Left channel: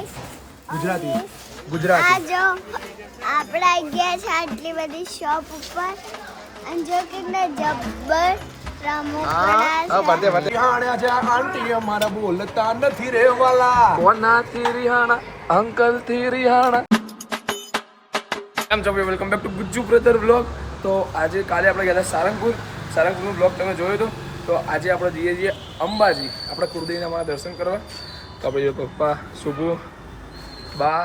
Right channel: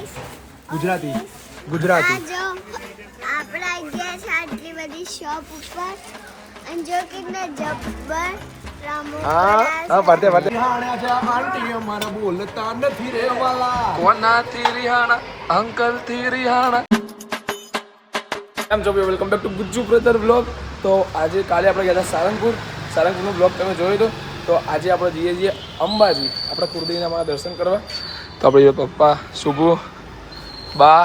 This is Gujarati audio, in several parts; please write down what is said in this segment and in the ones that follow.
ગાઈસ ગુજરાતી ગુજરાતી આ જો આપણે આવી ગયા છે આટલી બધી શોપ ઉપર અને જો કેટલા જબ્બર હા બધે બધે હાણ્યા છે આ આંટી અમારા બોલતા નથી રે વાલા કોનાથી રિહાણા અંકલ થી રિહાણા. કેમ છો? Welcome back to Gujju brother vlog. તો આજે કાલે આપણે ગયા હતા સારંગપુરનો બ્લોગ તમે જોયો તો આજે આપણે જઈએ છીએ અંબાજી આપણા કુળદેવીના મારા દર્શન કરવા. તો આપણે પપ્પા શુભુ બા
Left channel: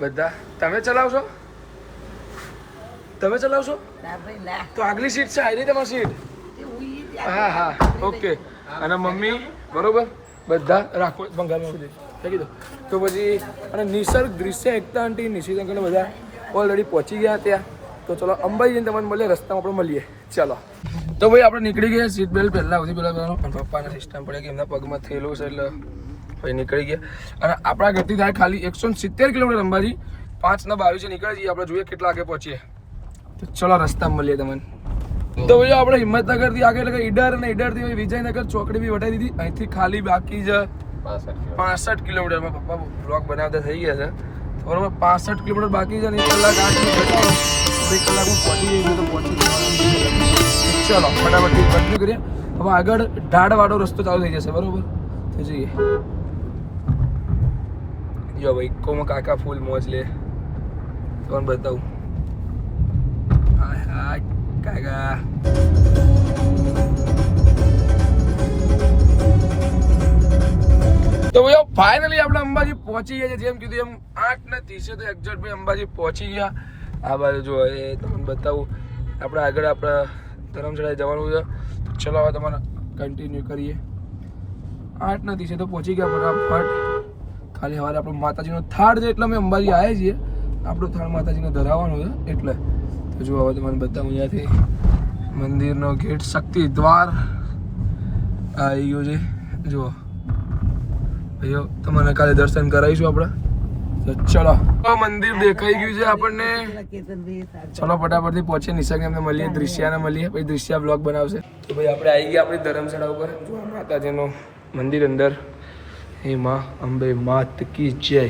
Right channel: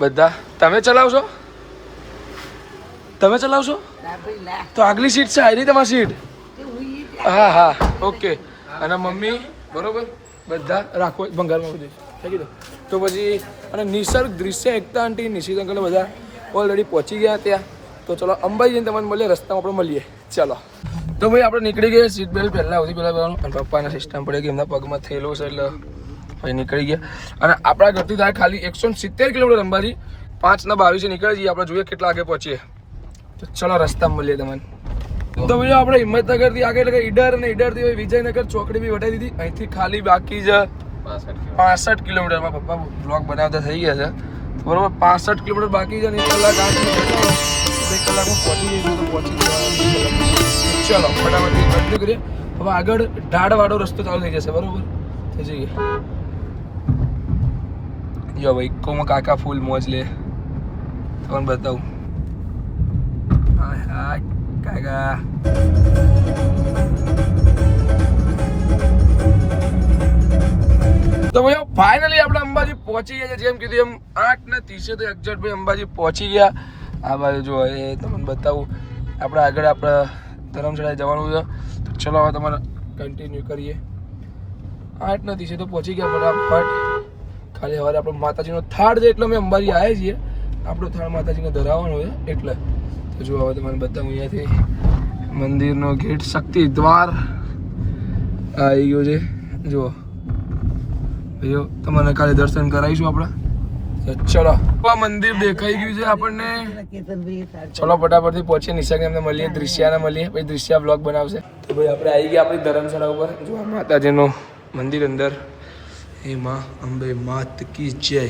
બધા તમે ચલાવશો તો આગલી સીટ છે આવી તમારી સીટ. હા ઓકે. અને મમ્મી બરોબર બધા રાખો ભંગારમાં બધે ફેંકી દો. તો પછી અને નિસર્ગ દૃશ્ય એકતા આંટી નિશિત અંકલ બધા ઓલરેડી પહોંચી ગયા ત્યાં. તો ચલો અંબાજી જઈને તમને મળીએ, રસ્તામાં આપણે મળીએ. ચાલો તો ભાઈ આપણે નીકળી ગયા. સીટ બેલ્ટ પહેલાં સુધી પહેલાં પણ પપ્પાના સિસ્ટમ પડે કે એમના પગમાં થયેલું છે એટલે ભાઈ નીકળી ગયા. અને આપણા ઘરથી થાય ખાલી 170 કિલોમીટર અંબાજી. 5:22 નીકળી જઈએ આપણે, જોઈએ કેટલા આગળ પહોંચીએ. તો ચલો રસ્તામાં મળીએ તમને. તો ભાઈ આપણે હિંમતનગરથી આગળ એટલે ઈડર અને ઈડરથી વિજયનગર ચોકડી બી વટાવી દીધી. અહીંથી ખાલી બાકી છે 65 કિલોમીટરમાં. પપ્પા બ્લોગ બનાવતા થઈ ગયા છે બરોબર. 65 કિલોમીટર બાકી છે અને 1 કલાક 8 કલાકમાં પહોંચી જઈએ. ચલો ફટાફટ કંટિન્યુ કરીએ. હવે આગળ ઢાળવાળો રસ્તો ચાલુ થઈ જશે બરોબર. થઈ જઈએ. જો ભાઈ કોમાં કાકા ફૂલ મોજ લે તમને બતાવું. હાય કાકા તો ભાઈ ફાઇનલી આપણે અંબાજી પહોંચી ગયા છે. જેમ કીધું એમ 8:30 તો એક્ઝેક્ટ ભાઈ અંબાજી પહોંચી ગયા. આ બાજુ જો એ તમને બતાવું. આપણે આગળ આપણા ધર્મશાળાએ જવાનું છે. તો ચલો હવે તમારે કન્ટિન્યુ કરીએ. 8:30 તો પહોંચી ગયા ફટાફટ. ખાલી હવે આપણો માતાજીનો થાળ છે એટલે અમે અંબાજી આવ્યા છીએ. આપણો થાળ માતાજીને ધરાવવાનો છે એટલે. તો જો હવે તમને બતાવું. અહીંયાથી મંદિરનો ગેટ શક્તિ દ્વાર આવી ગયો છે. જુઓ ભાઈઓ તમને કાલે દર્શન કરાવીશું આપણે. તો ચલો આ મંદિર દેખાઈ ગયું છે આપણને. ચલો ફટાફટથી પહોંચીએ. નિશાને અમને મળીએ, દૃશ્યાને મળીએ, પછી દૃશ્યા બ્લોગ બનાવશે. તો ભાઈ આપણે આવી ગયા આપણી ધર્મશાળા ઉપર. જો માતાજીનું મંદિર અંદર. હે માં અંબે માત કી જય.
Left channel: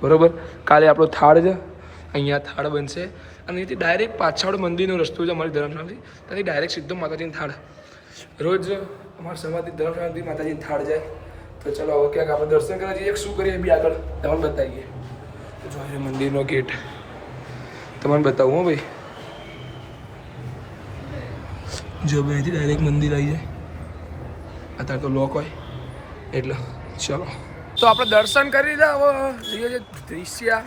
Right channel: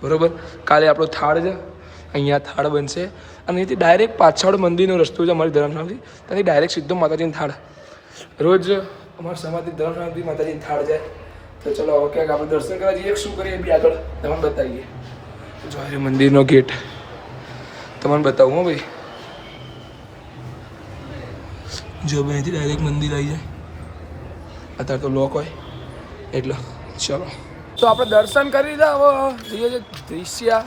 બરોબર. કાલે આપણો થાળ છે, અહીંયા થાળ બનશે અને અહીંથી ડાયરેક્ટ પાછળ મંદિરનો રસ્તો છે અમારી ધર્મશાળાથી. ત્યાંથી ડાયરેક્ટ સીધો માતાજીની થાળ. રોજ અમારા સમાજથી ધર્મશાળાથી માતાજીની થાળ જાય. તો ચલો હવે ક્યાંક આપણે દર્શન કરવા જઈએ. શું કરીએ બી આગળ તમને બતાવીએ. જો એ મંદિરનો ગેટ તમને બતાવું. હો ભાઈ જો ભાઈ અહીંથી ડાયરેક્ટ મંદિર આવી જાય. અત્યારે તો લોક હોય એટલે. ચલો તો આપણે દર્શન કરી લીધા. હવે જોઈએ છે દૃશ્યા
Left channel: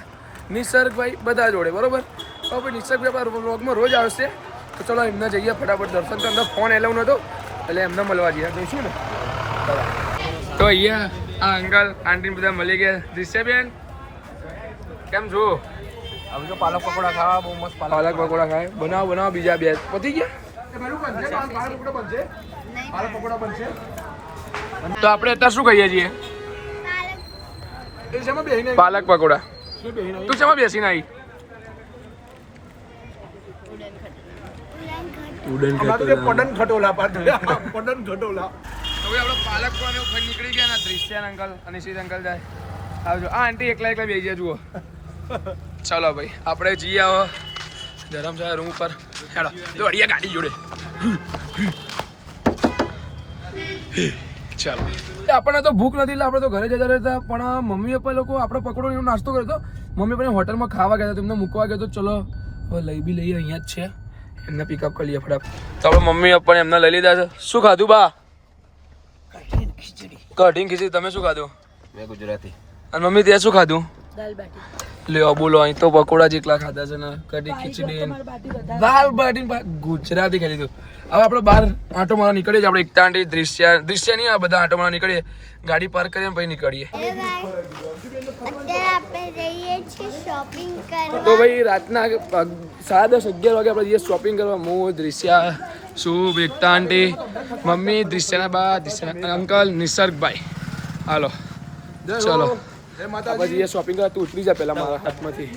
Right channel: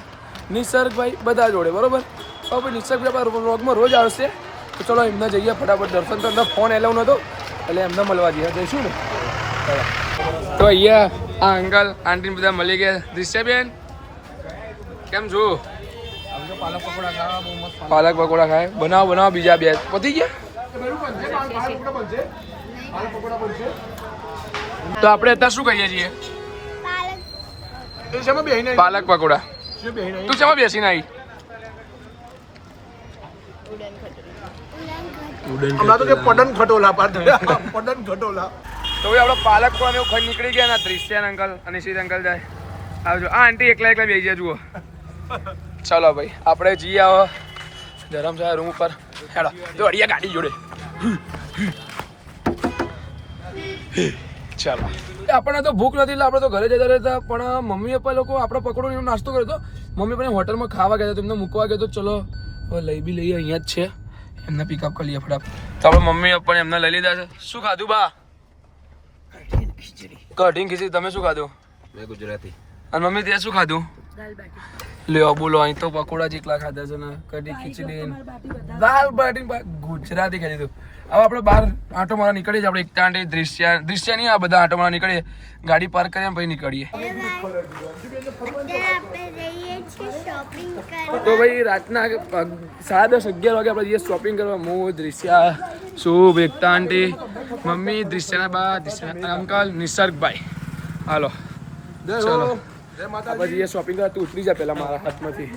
નિસર્ગભાઈ બધા જોડે બરોબર. હવે ભાઈ નિસર્ગભાઈ આપણા વ્લોગમાં રોજ આવશે. તો ચલો એમને જઈએ ફટાફટ દર્શન. તો એમનો ફોન એલાવ નહોતો એટલે એમને મળવા જઈએ જઈશું ને. તો અહીંયા આ અંકલ આંટી બધા મળી ગયા. દૃશ્યાબેન કેમ છો? પાલક પકોડા ખાવા બહુ મસ્ત. પાલક પકોડા ખાય. બનાવો બીજા બે પતી ગયા. પાલક પકોડા બનશે. તો આપણે અત્યારે શું કહીએ છીએ? પાલક પકોડા. તું શેમાં બેસીને આવી? ઉડન ખટોલા. તો ભાઈ આપણે પાલક પણ એવું ખાઈ નીકળી ગયા. દૃશ્યાન અંકલ અને શીત અંકલ જાય. આવજો. આ આંટી એકલા બેસી ગયા જુઓ. ચાલો ભાઈ આપણે જઈએ આવો ધરમશાળા રૂમ ઉપર. હેડો જો અડિયા ગાડી જોડે. ચાલો આપણને તો ભૂખ નથી એટલે આપણે તો ઘરે જતા રહેતા. પણ મમ્મી પપ્પા લોકો આપણો પકોડો એનો નાસ્તો કર્યો હતો. મમ્મી પપ્પાને હોટલમાં ખાવા ગયા હતા, તેમને મૂકવા ગયો તો. ચલો હવે લઈ બી લઈએ. અહીંયા જ છે. એમને પિકઅપ કરી લઈએ ફટાફટ. તો આપણે મમ્મી પપ્પાને એમને લઈ લીધા છે. શું ખાધું બા? કઢી ખીચડી. તમે શું ખાધું? મેં ગુજરાતી. અને મમ્મી ત્યાં શું ખાધું? લ્યો બોલો. અહીં તો પકોડા જેટલા ખાધા છે ને. કઢી ખીચડી દાલ બાટી ગુજરાતી ખાઈ લીધું. હવે આપણે બહાર આંટો મારવા નીકળીએ છીએ. આપણે એકતા આંટી દૃશ્ય નહીં આ બધા આંટો મારવા નીકળીએ. ગાડી પાર્ક કરીએ પછી નીકળીએ. તો ભાઈ રાતના 10:30-11 વાગે આપણે જઈએ શોપિંગ કરવા. હું દૃશ્ય શુભ એકતા આંટી મમ્મી દૃશ્યના બા દૃશ્યના અંકલ નિસર્ગભાઈ. હાલો ચલો આપણે જઈએ શોપિંગ કરવા. તું ઉતરી જા પહેલાં મારા હાથમાંથી.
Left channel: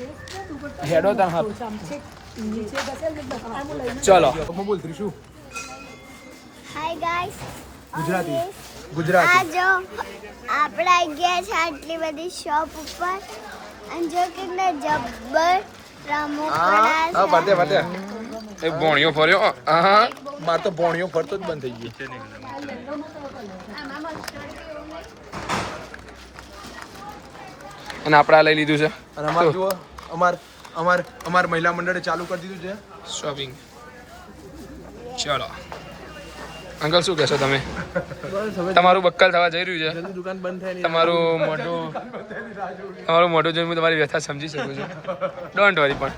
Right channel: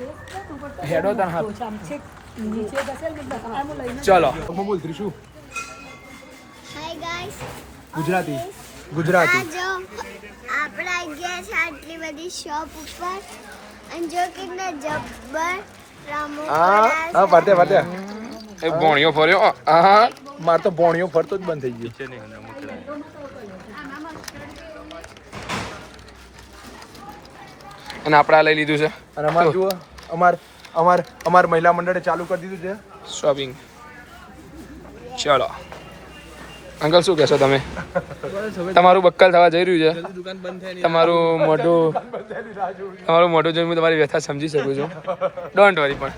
હેડો તાર હાથ. ચલો બોલ ત્રિશુ. હાય ગાઈસ ગુજરાતી ગુજરાતી જો આપણે આવી ગયા છે આટલી બધી શોપ ઉપર અને જો કેટલા જબ્બર હા પતે એ ભોણિયો ફર્યો હા માર તો ભોણિયો ફરતો જ બંધ થઈ ગયો અને આપણે આ લઈ લીધું છે અને અમાર જુઓ અમાર મહિલા મંડળે ચાલુ કરી દીધું છે શોપિંગ ચલો અંકલ શું કહેશો તમે તમારું બક્કલ થવા જઈ રહ્યું છે દુકાન બંધ થાય તમારું મોઢું જોઈને હું તમારી વ્યથા સમજી શકું છું ડોન્ટ વરી પણ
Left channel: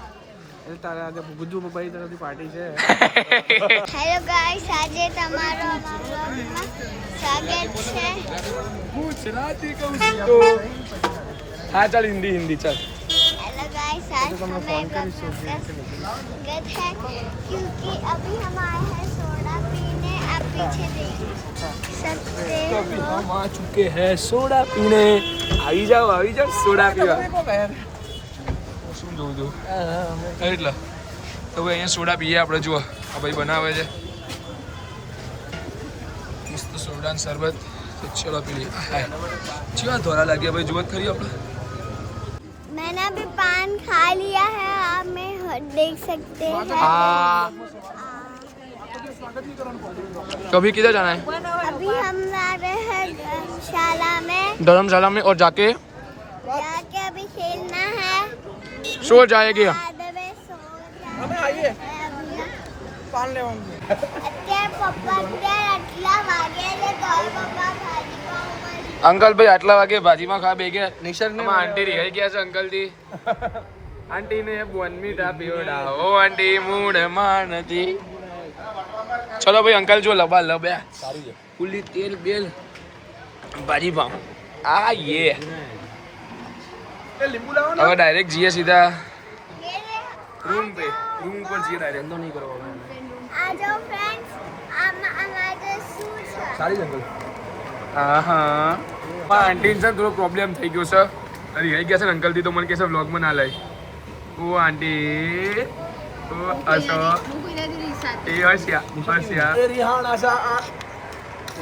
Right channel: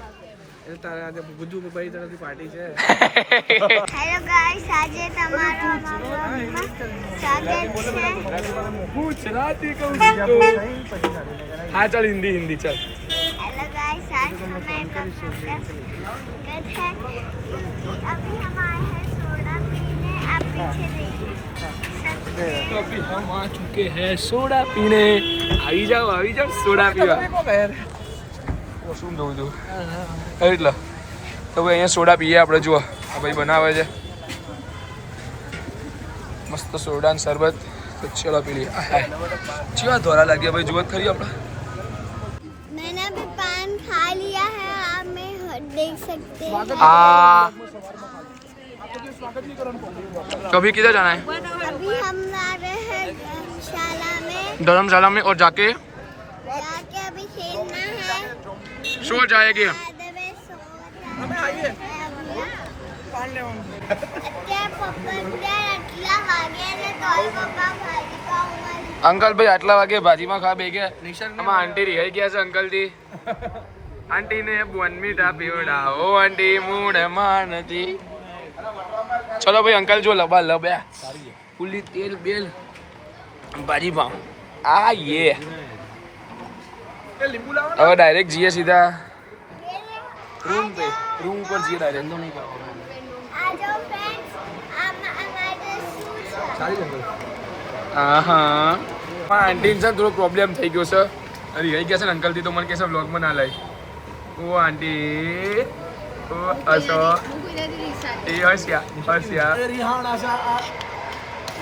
હેલો ગાઈસ આજે તમારો અમારા વ્લોગમાં સ્વાગત છે ગુજરાતી કહું છું તો હા ચાલ हिंदी चल हेलो गाइस आज हमें ब्लॉग का स्वागत है क्योंकि अभी हम आए हैं सोडा पीने आप पीछे देख सकते तो हैं अभी हम आ चुके हैं सोडा पीने આવી જાઓ સોડા પીવા શું જોઉં છું એટલે તો ભાઈ અહીંયા સોડા પીએ આપણે જુઓ આ ભાઈ બનાવે છે મસ્ત સોડા ને શરબત તો ચલો પી લઈએ ચેવા ધોરા લાગ્યા ભાઈ જુઓ ખરી આપણે मैंने अभी पान खा लिया है आप में देख सकते हैं हाँ तो अभी किधर जाना है अभी हम आ रहे हैं धर्मशाला में और जाके अभी खेलना है सो जाएगी बाद में सो जाएंगे अभी ना। અત્યારે પપ્પા અત્યારે આટલા વાગે છે તો પપ્પા ભાજી ખાવા અંકલ ભાઈ આટલા વાગે ભાજીમાં ખા બે ગયા આમાં આંટી રિહાઈ ગયા છે અંકલ થી આંટી ને બોનમીઠા પીવડાવો આંટી મૂડ માં નથી ચલો ભાઈ અંકલ જો લબા લબ્યા ફૂલી તેલ બેલ ભાજી પાવ આ યે હવે ડાયરેક્ટ જઈએ સીધા રૂમ પર જઈએ ડાયરેક્ટ નહીં કરવાનું આ જો ફ્રેન્ડ્સ અમારે શું છે હા આંટી છે થોડો પ્રોબ્લેમ થઈ ગયો છે રિહાઈ ગયા છે ને અંકલ થી તો મને કહેશે વ્લોગમાં ના લઈ ઓ આંટી ઓ અસો એ હસ્યા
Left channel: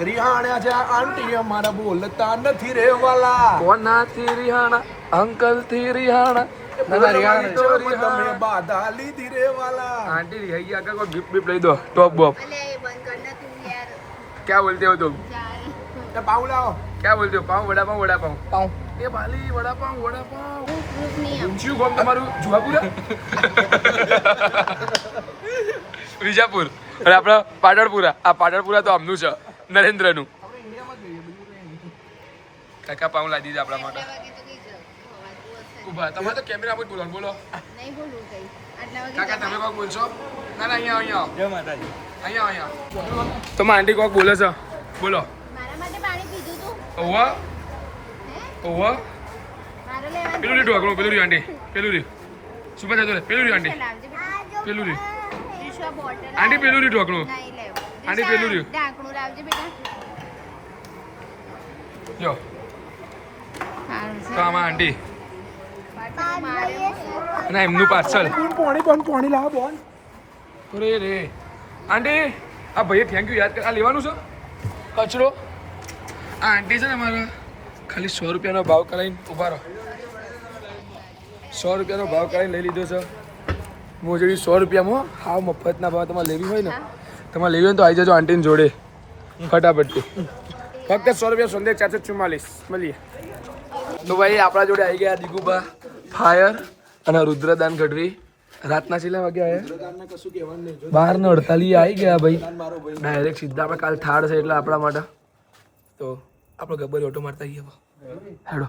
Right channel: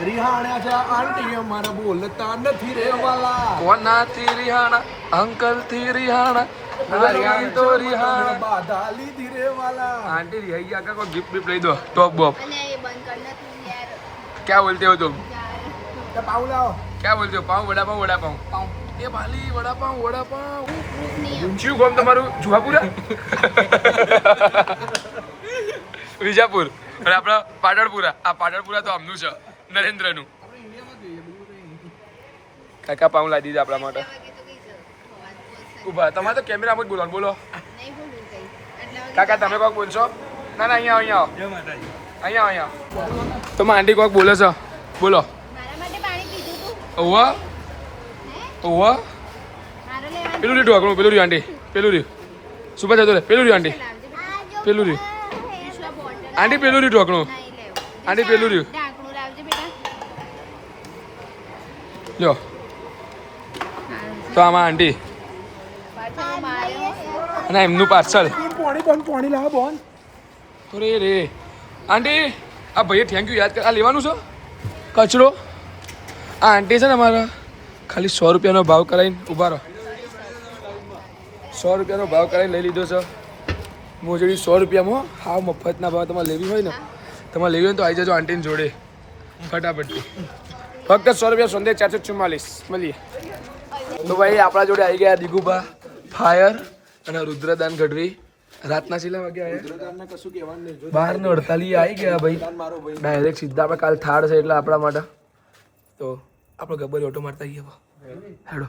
રિહાણા છે આંટી અમારા બોલતા નથી રે વાલા કોનાથી રિહાણા અંકલ થી રિહાણા નાની તો રિહાણા બાધા લીધી રે વાલા आंटी रिहाई आकर को गिफ्ट विफ्ट ले दो टॉप बॉप क्या बोलते हो तुम પાઉ લાવો क्या बोलते हो पाव वड़ा पाव ये भाली वड़ा पाव ઊંચું ગામ તમારું જુહાપુરા વિજાપુર અને આપણા પાટણપુરા આ પાટણપુરા તો આમનું છે નરેન્દ્રનું કાકા પાઉં લાવી દીધા આપણા માટે ઉભા તમારે તો કેમેરામાં જ બોલવાનું બોલો કાકા તમે કોક બોલશો ના અહીંયા આવો તો મારી આંટી કોક બોલે છે બોલો મારા માટે પાણી પીધું તું ઓવા મારો લેવા પેલું લીધું આગળ પેલું રહ્યું આંટી પેલું રહ્યું સુપર જતો રે પેલું રહ્યું આંટી પેલું રહ્યું આંટી પેલું રહ્યું ઢોકણું આંટી પેલું રહ્યું ઢાંકણું લાવજે બેટા લો તો આમાં આંટી અને એમનું પાર્સલ પોણી લાવો બોન તો રે આંટી આ ભાઈએ થેન્ક યુ યાદ કર આ લેવાનું છે કચરો આ આંટી છે ને અમારા ખાલી 100 રૂપિયાનો ભાવ કરાવીને ઊભા રહો 100 રૂપિયાનો ભાવ કરાવીને લઈ લીધો છે મોજડી 100 રૂપિયામાં હાવ મફતના ભાવ તમારે લેવી હોય ને તમારે લેવી હોય ને તો આવી જજો આંટીને જોડે ફટાફટથી ફક્ત 100 રૂપિયા સંદેશ 444 મળીએ તો ભાઈ આપણા જોડે આવી ગયા દિગુભા ફાયર અને રુદ્રદાન ગઢવી રાતના છેલ્લા વાગે આવ્યા કશું કહેવાનું નહીં 12:48 આવી ગયા ભાઈ ડાયરેક્ટ સીધા આપણે કાલ થાળ છે એટલે આપણા માટે તો આપણે ગબ્બર ઓટો મારતા ગયા હેડો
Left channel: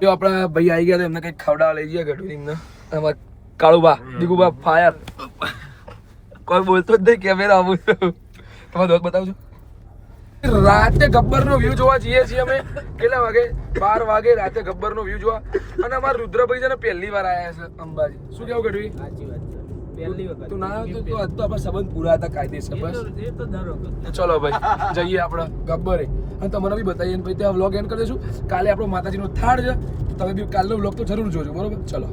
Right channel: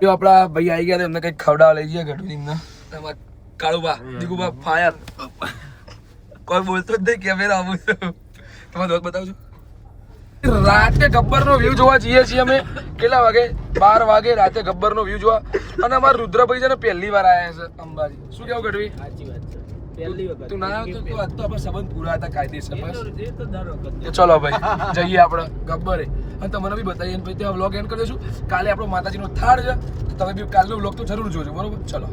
જો આપણા ભાઈ આવી ગયા તો એમને કંઈક ખવડાવવા લઈ ગયા ગઢવી એમને તમારે કાળુબા દિગુભા ફાયર કોઈ બોલતો જ નહીં કેમેરા આવું તમારે દોસ્ત બતાવજો રાતે ગબ્બરનો વ્યૂ જોવા જઈએ છીએ અમે કેટલા વાગે 12 વાગે રાતે ગબ્બરનો વ્યૂ જોવા અને અમારા રુદ્રભાઈ છે ને પહેલી વાર આવ્યા છે અંબાજી શું કેવું ગઢવી સાચી વાત છે પહેલી વખત તું ના આવ્યો તો આજ તો આપણા સંબંધ પૂરા હતા કાયદેસર બસ ચલો ભાઈ જઈએ આપણે ગબ્બરે અને તમને બી બતાવીએ પછી તો આ વ્લોગ એન્ડ કરી દઈશું કાલે આપણો માતાજીનો થાળ છે તો તમે બી કાલનો વ્લોગ તો જરૂર જોજો બરોબર ચલો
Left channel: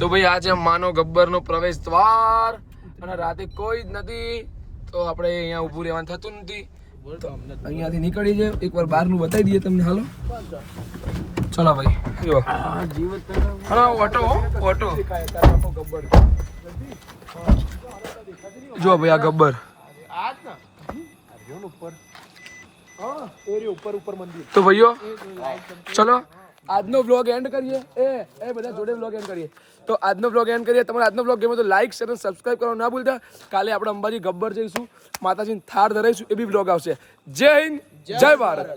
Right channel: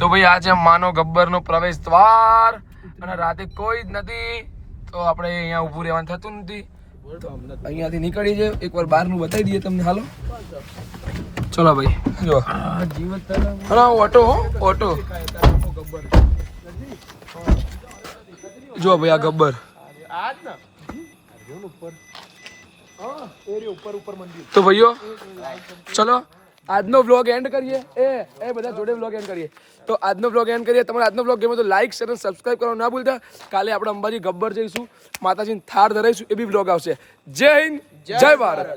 તો ભાઈ આ છે માનો ગબ્બરનો પ્રવેશ દ્વાર અને રાતે કોઈ જ નથી તો આપણે અહીંયા ઊભું રહેવાનું થતું નથી અહીંયાથી નીકળી જાય એકવાર બહારનું બતાવી દઈએ તમને. હાલો ચલો ભાઈ જો હા ઓટો હો ઓટો જો ભાઈ આ ગબ્બર. તો ભાઈઓ ચલો આજનો વ્લોગ એન્ડ કરીએ. એ બધા જોડે વ્લોગ એન્ડ કરીએ. તો આજનો વ્લોગ એન્ડ કરીએ. તમારે આજનો વ્લોગ ગમે તો લાઈક શેર અને સબસ્ક્રાઇબ કરવાનું ના ભૂલતા. કાલે આપણે અંબાજી ગબ્બર જઈશું, માતાજીને થાળ ધરાઈશું, એ બી વ્લોગ આવશે. જય હિન્દ જય ભારત.